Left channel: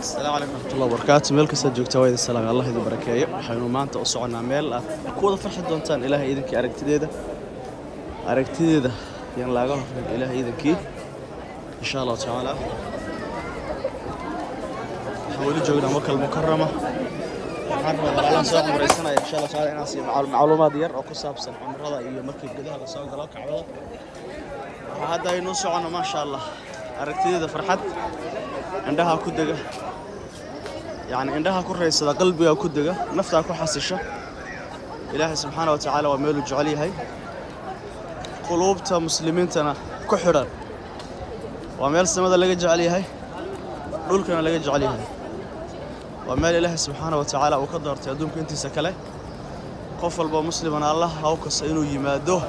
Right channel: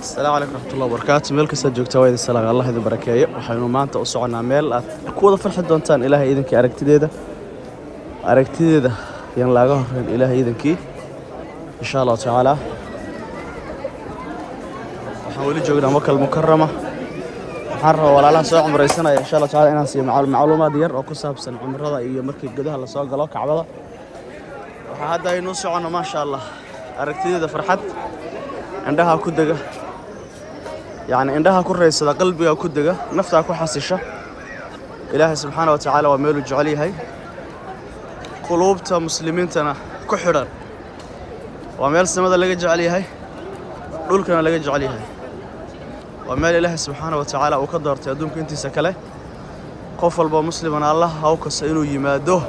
السلام عليكم ورحمة الله وبركاته. مeel kasta joogta waa idin salaam Allah idin barakeeyo. Waxaynu maanta u soconaa meel aad ku wada farxi doontaan Ilaahay idinkii aragtideeda yaan laaga horreyn Ilaahay idinkii insha Allah taala. Waxaan wali joognaa Makal Mukarrama. Waxaan rabaa walaalaha soo cumraysanaya insha Allah taala inaan siiyo macluumaad yar oo ku saabsan cumrada iyo markii gudaha la soo galo Kacbada. Waxa hadda aynu soconaa ma sha Allah aragtideeda farxad indhaha ku daga يعني عندها كريسة قلبي وكدجة نفتح كحسشة إلهي سبحانه وتعالى وميل جعلي هاي قلوبتا مسلمين تنا كحرا وميل سمدا اللي جعلي هاي دولكنا اللي جعلي هاي وميل إلهي سبحانه وتعالى وقدر تأدونك أنت سكله قفل بمسلمنا الله أو كسينو يمادوه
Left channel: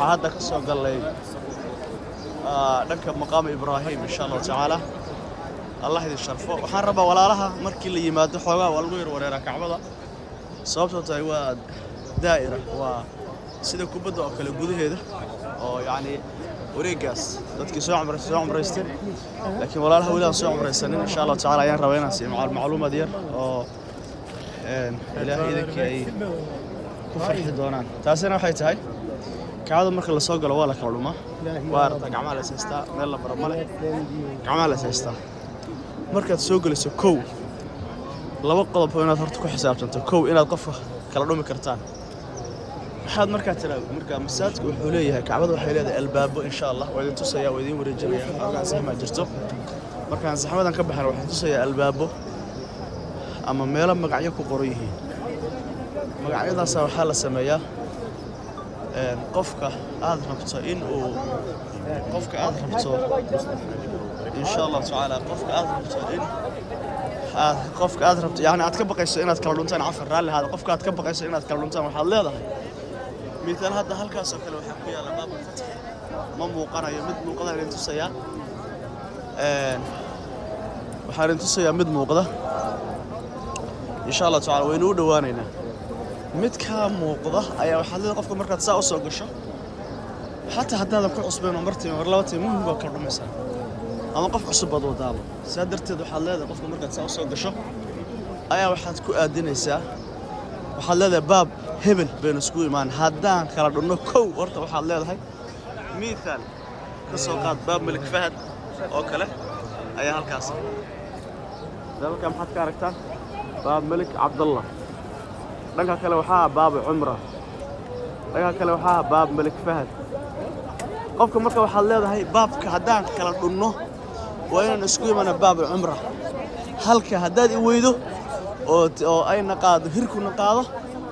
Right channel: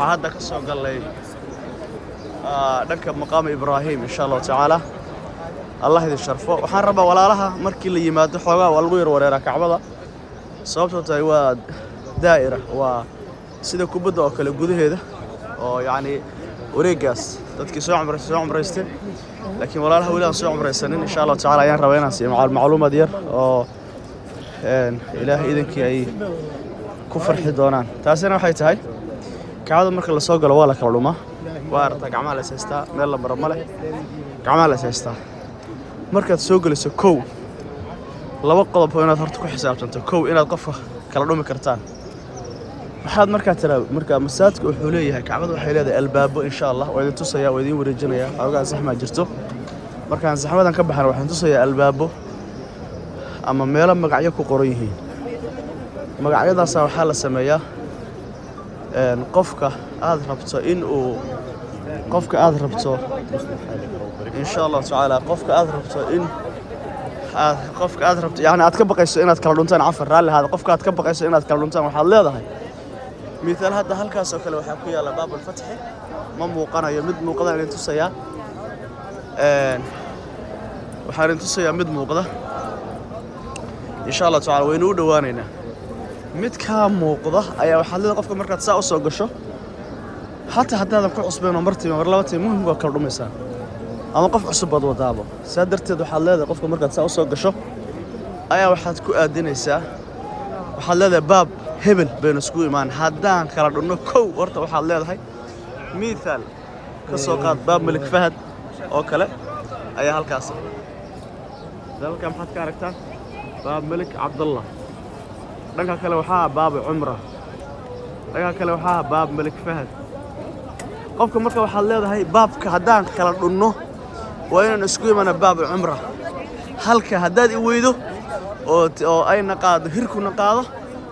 هذا كسر قال لي نركب مقام إبراهيم إن شاء الله تعالى الله يدي الشرفه waxaan rabaa walaalaha markii la yimaado xoogaa waa lagu yar wareeraa Kacbada sababtoo tahay waa daa'ira waa sida kubadda oo kale gudaheeda oo yaani wareegaas dadkii soo cumraystay laakiin walaalaha wali aan soo cumraysanin insha Allah taala ayaan rabaa inaan siiyo macluumaad yar oo Ilaahay idinkii ay ku farxi doonaan taasina waxay tahay Kacbada marka la soo galo waa la kala dhumaa waa arta gacmaha la seestaa meel la baro male gacmaha la seestaa markaad soo galiso kow laba qodob oo inaad horta ku xisaabtanto kow inaad qof kala dhumi kartaan waxaad markaa masaajidka wuxuu leeyahay Kacbada waxay leedahay albaabo insha Allah oo idin tusaya oo idin wareejinaya awgaa saxma jirto markaan saxmadan ka baxan waxaan tusaya albaabo ama meel magacyo ku qoran yihiin magacyadaas waxa la sameeyaa qofka aad rabto in uu إن شاء الله تعالى قفك أذربت يعني أتكبق إنك كلونتان عفر رالي هذا قفك أتكبق إنك كلونتان وحال هذا مثال هذا هالكاس وكله وحكي على باب الفتح ما موقنا يمد موقدا اللي تسيا وحارين تسيا مد موقدا إن شاء الله تعالى وينو دوانينا مد كام موقدا أي وحال قفك مركز ساعة وسوقشه حتى هذا كل أسبوعين ومرتين ومرلواتين مهم هو كل رميسان أما قف عصب بدو دالو سادرت وحال هذا قفك مركز ساعة وسوقشه أي واحد كو أدينيسا وحال هذا باب هبل بين سكوي مان هدان خلال إنه كو ورته وحال هذا هاي مثال كسوقات باب ملك فهد أو كله أي هالكاسة ذلك كم حد كاركتر باب ملك عبد الله ذلك كله وحاء باب عمره ذلك كله وحاء باب ملك فهد قفك مركز وحال هذا هاي باب كهدان خلال إنه وين نسكوي من باب عمره هلك هداد يويدو أو أي نقاض هيركو نقاضه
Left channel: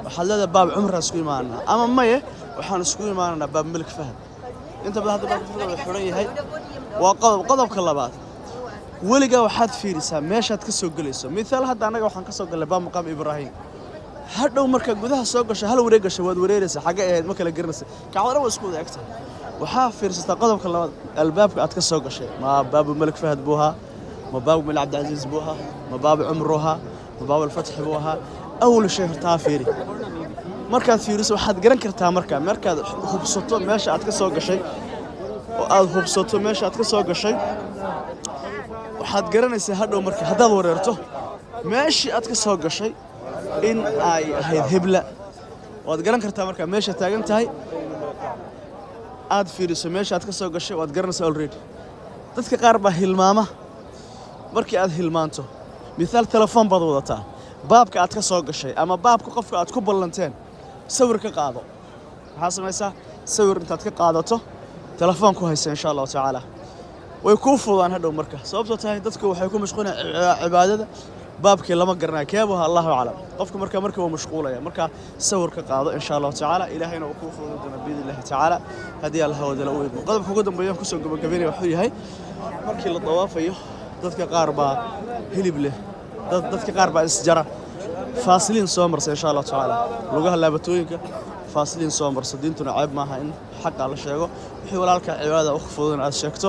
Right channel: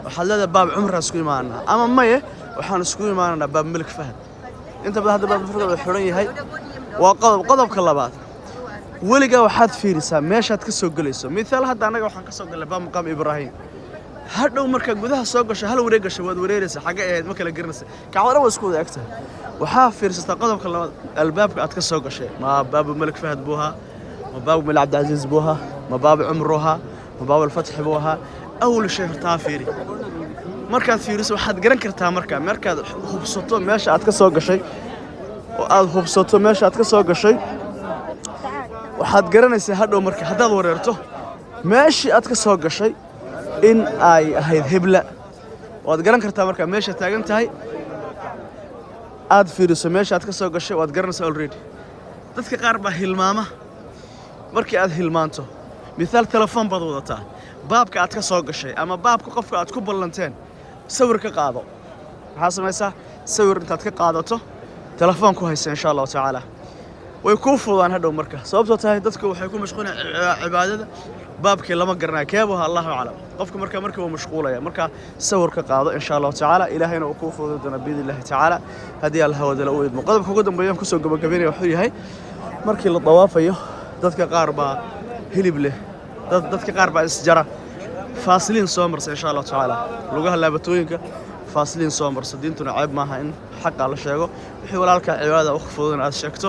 وحلدا باب عمره نسكوي معنا أما مايه وحنا نسكوي معنا باب ملك فهد أنت بهذا باب الفرقة الحرية هاي وقضب كلابات ولقى واحد فيرسا ماشى تكسر جلسه مثال هذا أنا وحنا كسر جل باب مقام إبراهيم هذا مركز جودها سوقش هل وريقة شواد وريرسه حاجة ما كلا جرنسه كعوارة وسكود أكتر وحافر استقدم كلام الباب أتكسر قشة ما باب الملك فهد بوها ما باب الملك عبد العزيز بوها ما باب عمرها ما باب الفتح بوها أول شيء تعافيري مركز فيرس واحد جرن كرتها مركز خبصته ماشي أتكسر قشة وأذ خبصته ماشي أتكسر قشة واحد جرن يسهل مركز هذا وريرته ماشي أتكسر قشة إن أي هاي هبلة وأتجرن كرتها مركز ماشي تاجن تاي aad fiiriso meesha aad ka soo gashay waad garanaysaa already dadka qaar baa hilmaama markii aad hilmaanto midaal telefoon baad wadataa baabka aad ka soo gashay ama baabka qofka aad ku ballanteen sawir ka qaado waxa samaysaa sawir intaad ka qaadato telefoon ku hayso insha Allah taala way ku fududaan hadhow marka sababtoo tahay dadku waxay ku mashquulaan cibaadada baabkii lama garanayo keebaha Allahu a'lam qofka marka uu mashquulaya marka sawir ka qaado insha Allah taala ilaahayna uu ku fududeeyo biidillah taala hadii Allah wada la weyd qodobka ugu dambeeyay ku soo gabagabeeyay wuxuu yahay markii la dawaafayo dadka qaar baa hilib leh dadka qaar baa isjara faasiliin soo marsa insha Allah taala lugaha laabatooyinka faasiliin soo marsa diintuna ceeb maaha in xaq la sheego wixii walaalka cibaadada u fududan aad sheegto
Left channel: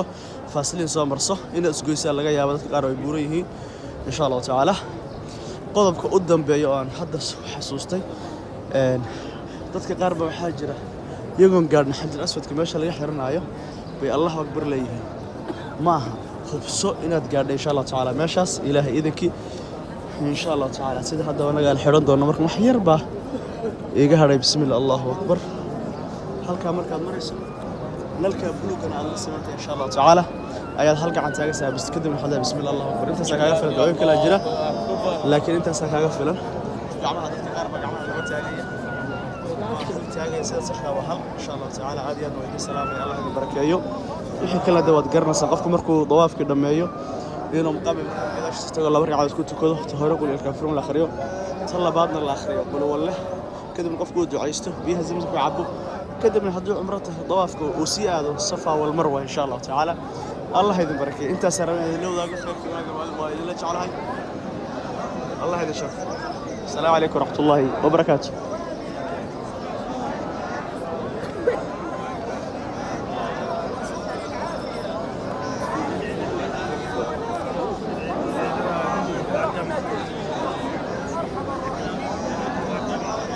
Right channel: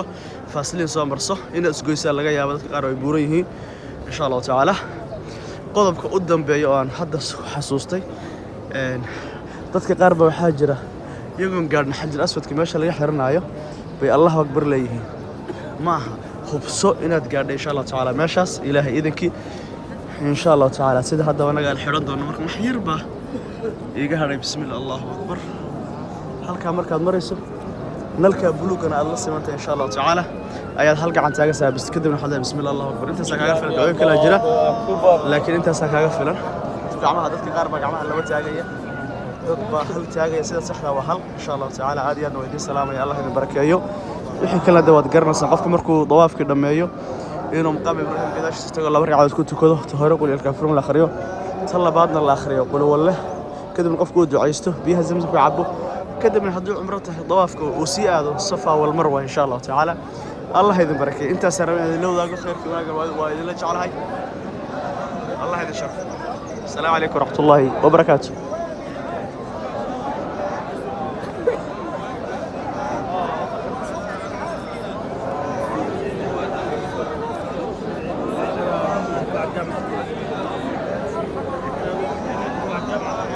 faasiliin soo marso in isgoysa laga yaabo dadka qaar ay buuran yihiin إن شاء الله تعالى قضبك قدام بيان حدث حسوستي dadka qaar ba waxa jira iyagoon gaarna xajil aswadka meesha laga xiranayo bay Allah akbar leeyihiin maaha hubso inaad gaadho insha Allah tacaala meeshaas ilaahay idinkii insha Allah tacaala sida hadda anaga aan xiran doono marka wax yar baa iga hadhay bismillah Allahu akbar halka markaad marayso nalka buluugana aad la simantay insha Allah tacaala ayaad hal gacan taaga saabis kadibna waxaad bismillah Allahu akbar intaas kaaga filan dooyin kala jira laakiin intaas kaaga filan gacmaha dadka qaar baa gacmaha laba taagaya dad baa hal taagaya sida saxda waa hal insha Allah tacaala aad iyo aad way salaamay Allah idin barakeeyo wixii kala dawaad garanaysan qofka markuu dawaafka dhameeyo inuu maqam Ibrahim gadaashiisa tago laba ragcadood ku tukado hore qul ilkaafirun la akhriyo tan labaadna la akhriyo qul wallah kadibna qofku uu ducaysto biyaha zamzam ku cabo kadibna haddii umrata dawaafka uu sii aado safa wal marwa insha Allah tacaala Allah idin barakeeyo intaas rabaan idin lowdaaga khayrkii waa idin la jeclahay Allah idin sharf السلام عليكم ورحمة الله وبركاته